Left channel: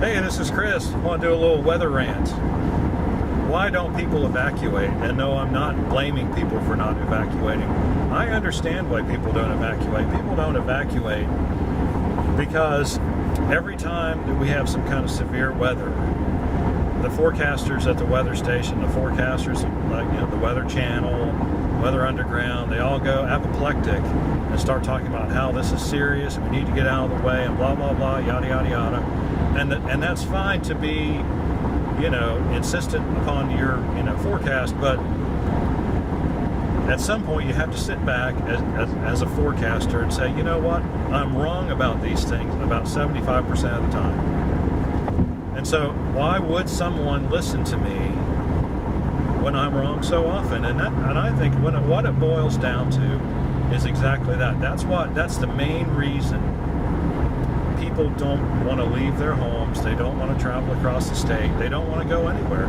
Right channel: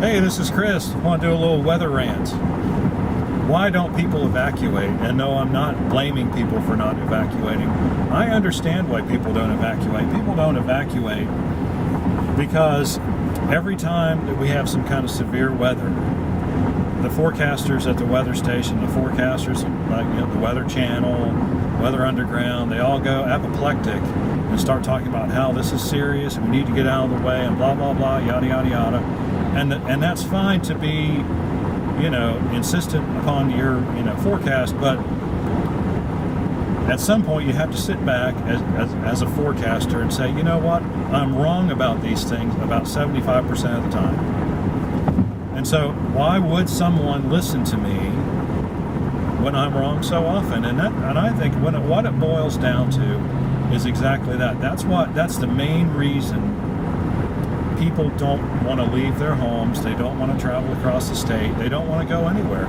Hey, this is Chris. I want to do a little weather rant. Why don't people evacuate? And no, I'm not blaming people for not evacuating. I understand why people don't evacuate. People don't evacuate because every time that we have some kind of severe weather, the forecasters at the weather station, the forecasters like the Weather Channel, Weather Underground, they all go apoplectic and start talking about how this is serious and we need to get out of the way and blah blah blah, yada yada yada. And that's fine to be, insistent upon your, forecast, but at some point you have to sit back as a forecaster and say, you know what, I'm wrong about these things about 75% of the time. And so why would someone listen to me when I'm wrong so often? And I think what it boils down to is exactly that. That's the main reason people don't want to leave their homes. They don't want to travel across the state. They don't want to go anywhere.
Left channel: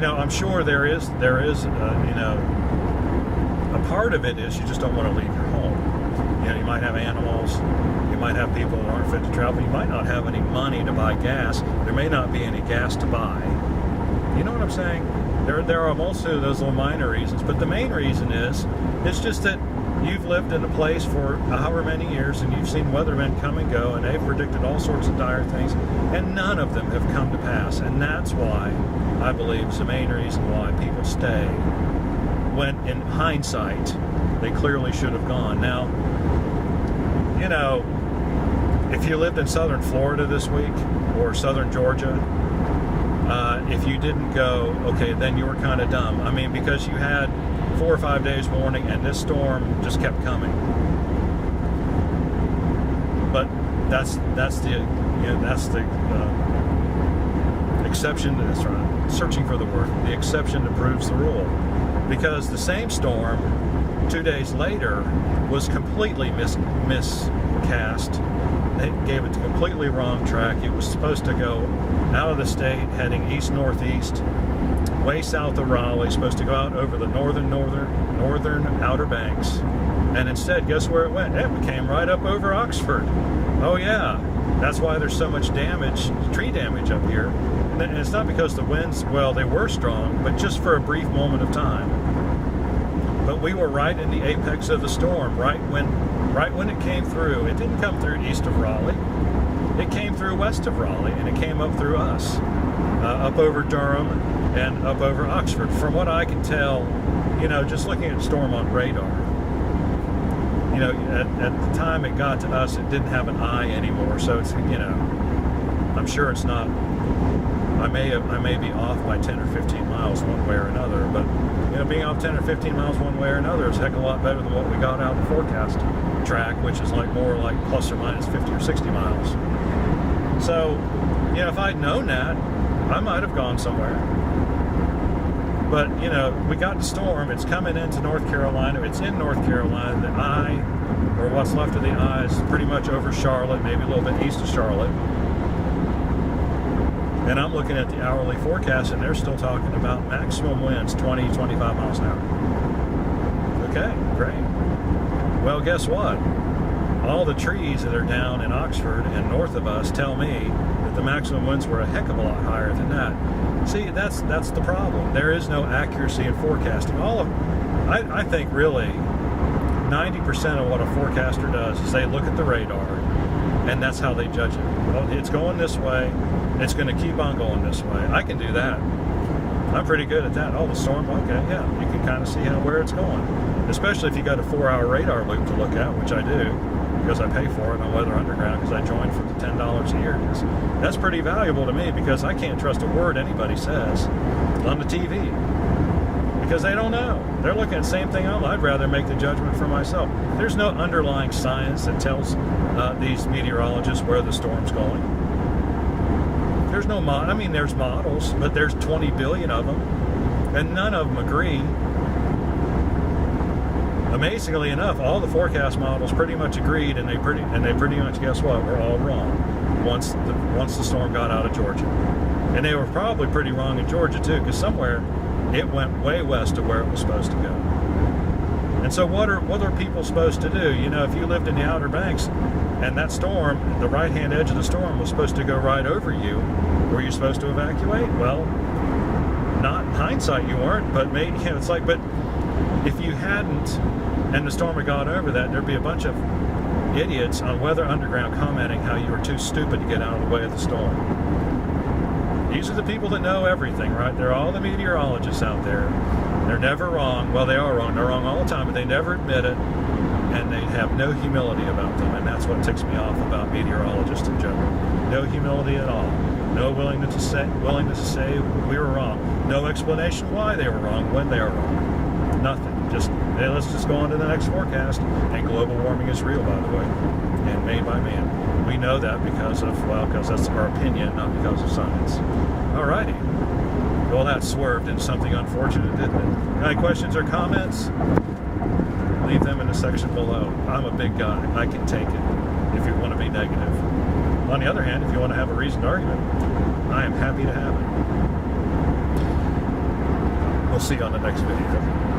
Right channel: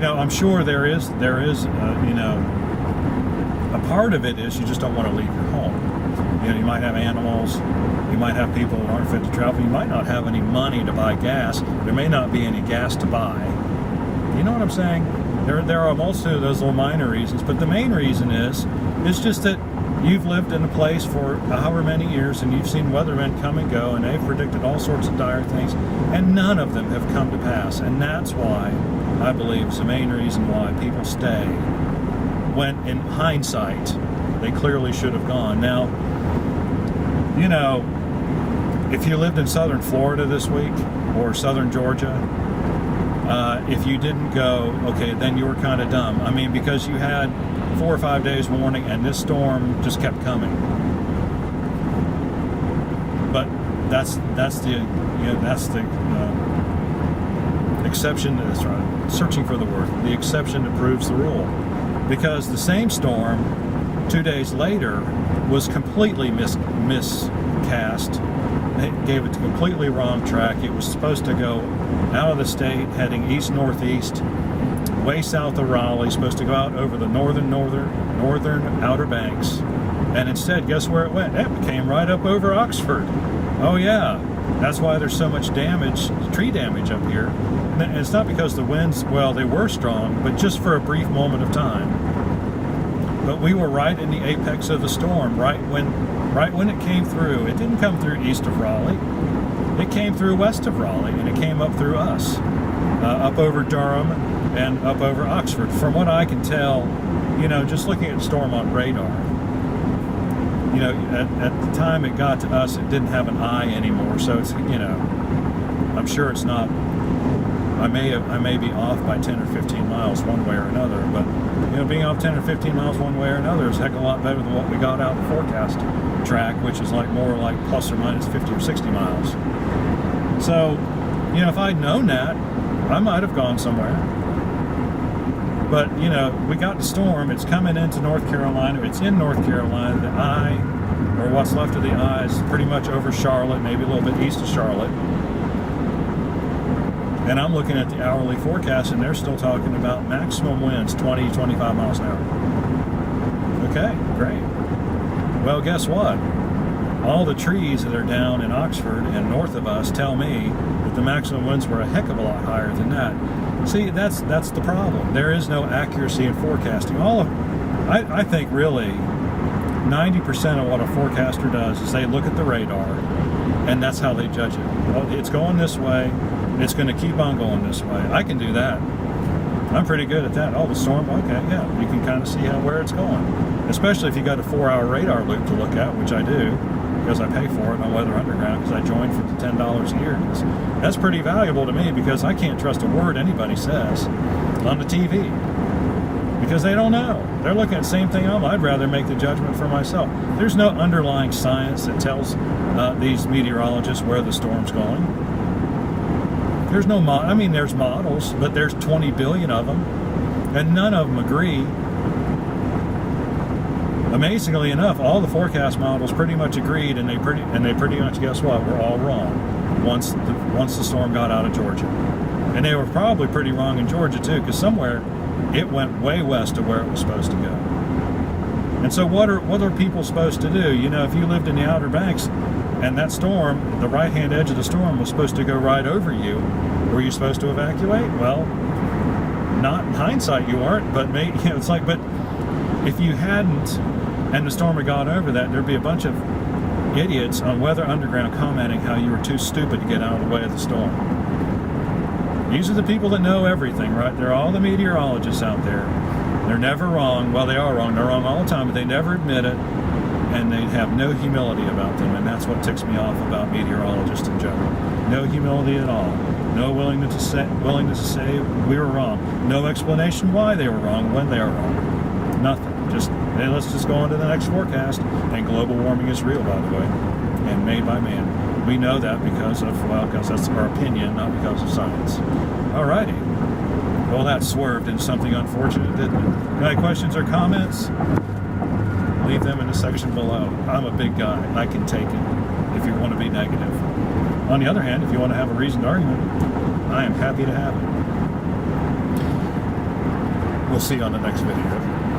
I'm sure there is a part of it is you just don't want to leave your home. You might have animals. You might have people who aren't fit to travel. You might not have any money to buy gas. There may not be any gas to buy. You know what I'm saying? There are most of those little minor reasons, but the main reason is just that you've lived in a place for however many years and you've seen weathermen come and go and they've predicted all sorts of dire things and none of them have come to pass. And that's why I believe is the main reason why people stay when in hindsight they clearly should have gone. Now, if you lived in southern Florida this week or southern Georgia, if you didn't go, okay, then you were kind of dumb. I mean, because you had 4 or 5 days warning and this storm just kept coming. But that's the exception to this, right? Searching for the word, the exception that proves the rule. Because the same storm 2 days later was completely miscast. They gave it the completely wrong track. It was supposed to go out of the state, heading east-northeast, way south of Raleigh, supposed to go out over the northern Outer Banks. And instead, guess where it went? It came right up over Oxford. Oh yeah, that's why there's so much tree damage up here. And it's not because the winds, well, they were strong, but just for a brief moment of time. But we were right in the apex of the storm, right when it came through. It didn't come through east of Raleigh. It came through west of Raleigh, and it came up through us, up over Durham and up over Oxford. From what I can tell, just looking at storm on radar, at the time it got to us, it didn't have an eye anymore. So it's, I'm sure it's not. I may be off by 10 or 15 miles one way or another, but being off 10 or 15 miles one way or another is a heck of a lot better than what we got out of the forecast track, which is more like plus or minus 50 or 60 miles. So, if I'd known that, I might have gone somewhere. But, we got the storm. It's coming into North Carolina. It's in North Carolina. The eye, or what's left of the eye, is pretty much over Charlotte, maybe a little bit east of Charlotte. And I'm looking at the hourly forecast, and they're still talking about maximum winds 20, 25 miles an hour. Okay, great. Well, guess what? All the trees that are down in Oxford and north of us tell me that the maximum winds were a heck of a lot higher than that. See, that's the problem. There is no accuracy in forecasting. I think really 90% of what a forecaster does is they look at the radar, and that's how they judge it. Well, it's going this way, and it's going to keep on going this way. I can do that. I'm pretty good at that. Oh, the storm, okay, yeah. You can kind of see where it's going. Especially if you got a 4-hour radar loop to look at, which I do, because I pay for it on Weather Underground, because I joined for the $10 a year. That's pretty valuable to me, because I can't trust a word anybody says on the TV. Because they don't know. They're looking at the same thing I'd rather make the judgment for myself. There's no underlying science that tells these meteorologists where the storm's going. There's no there's models, but there's 20 billion of them, and none of them agree. Amazingly enough, all the forecast models pretty much agreed, and they pretty much, guess what, were all wrong once the storm got out of Georgia. And they were probably pretty wrong in Georgia too, because somewhere it went way west of where it was supposed to go. And so what are people supposed to do? If you lived in the Outer Banks, And that storm, the right-hand edge of the storm, was supposed to go right over you. Were you supposed to evacuate? Well, not in hindsight you weren't, but maybe, it's like, but if you hadn't, and the storm had gone over that, there'd be a bunch of idiots on Weather Underground commenting how you were too stupid to get out of the way of the storm. These are the people that know everything, right? They're all the meteorologists out there. They're never wrong. Well, they are wrong. They're wrong all the time, but they never admit it, and they have no humility about them, and that's what ticks me off about meteorologists in general. No humility at all. No willingness to say we were wrong. No explanation why they were wrong when they are wrong. Nothing. Just, hey, let's just go on to the next forecast. And global warming is real, by the way, and made by man. We know that because that's our opinion, not because of science. Alrighty. Well, that swerved into something unfortunate, didn't it? Got any questions or comments? Leave them in the section below. I'm a big guy. I can take it if you want to be negative. On the other hand, if you want to have a reasoned argument, I am happy to have it. We'll see you on the next video.